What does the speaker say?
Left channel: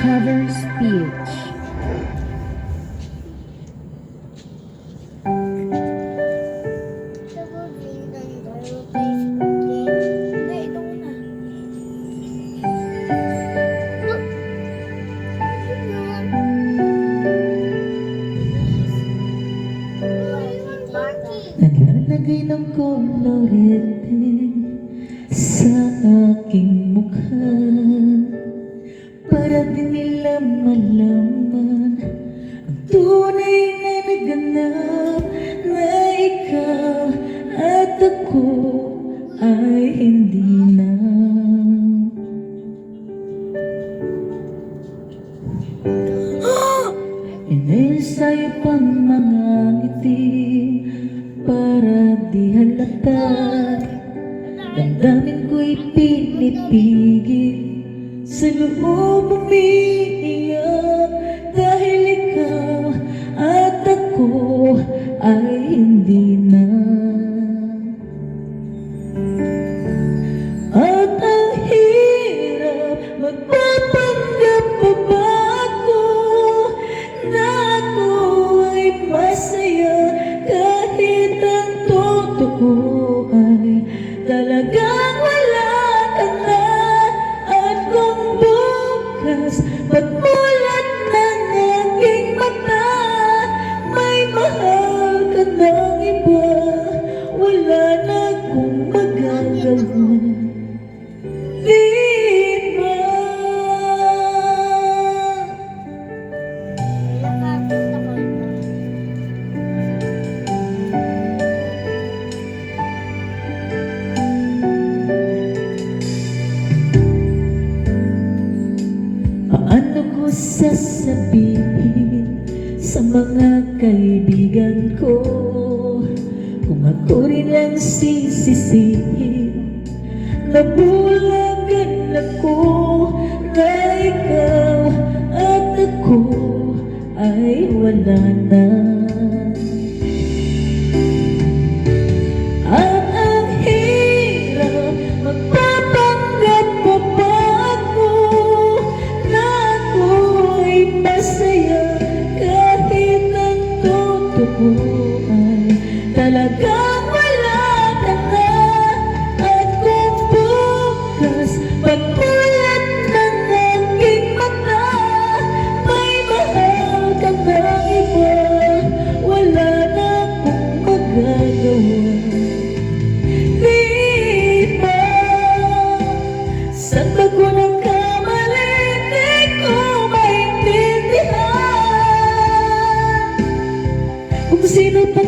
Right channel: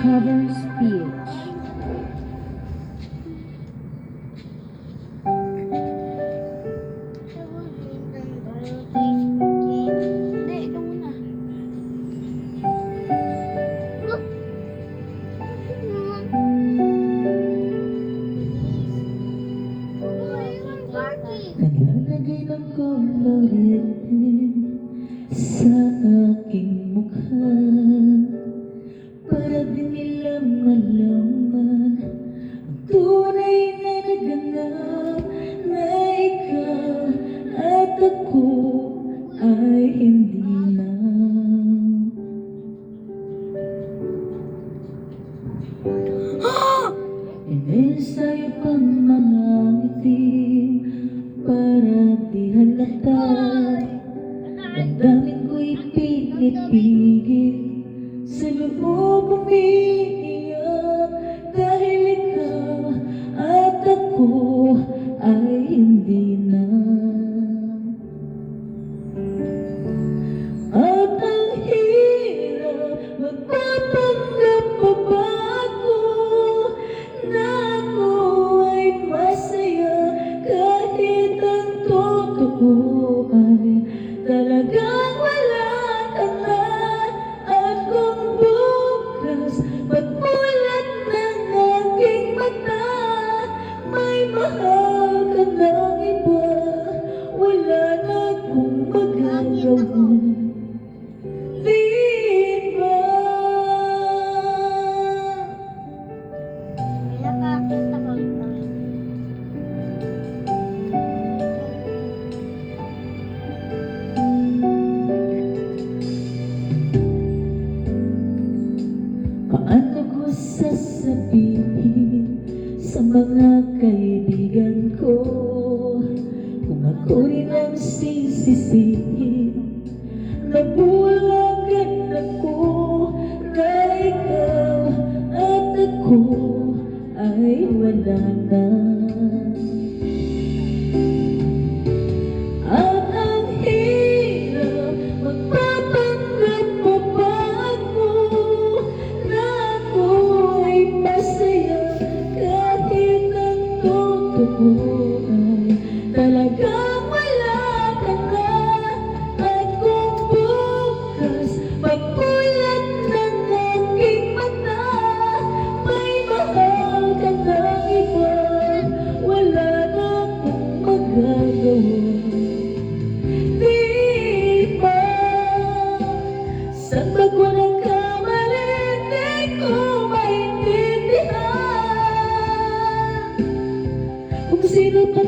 Cover speech. Naglalagay ng kolorete sa aking mukha para din nila malaman ang tunay na naganap na ikaw at ako ay hindi na. Inayos-ayo pang mga ngiti para di halata. Damdamin ko'y pinipigil, sa loob umiiyak dahil ikaw at ako ay hindi na. At ang hirap magpapanggap pa ba ako na ako ay masaya kahit ang totoo ay talagang wala ka na. At kung bukas pagmulat ng aking mata may mahal ka ng iba, wala na akong magagawa. Di ba? Paano ko sasabihin sa mga kaibigan ko kung ako rin ang sisisihin? Nabulagan ako na ikaw at ako ay wala na. At ang hirap magpapanggap pa ba ako na ako ay masaya kahit ang totoo ay talagang wala ka na. At kung bukas pagmulat ng aking mata may mahal ka ng iba, wala na akong magagawa. Di ba? Saan ba ko nagkamali? Di ko maintindihan kung sino pa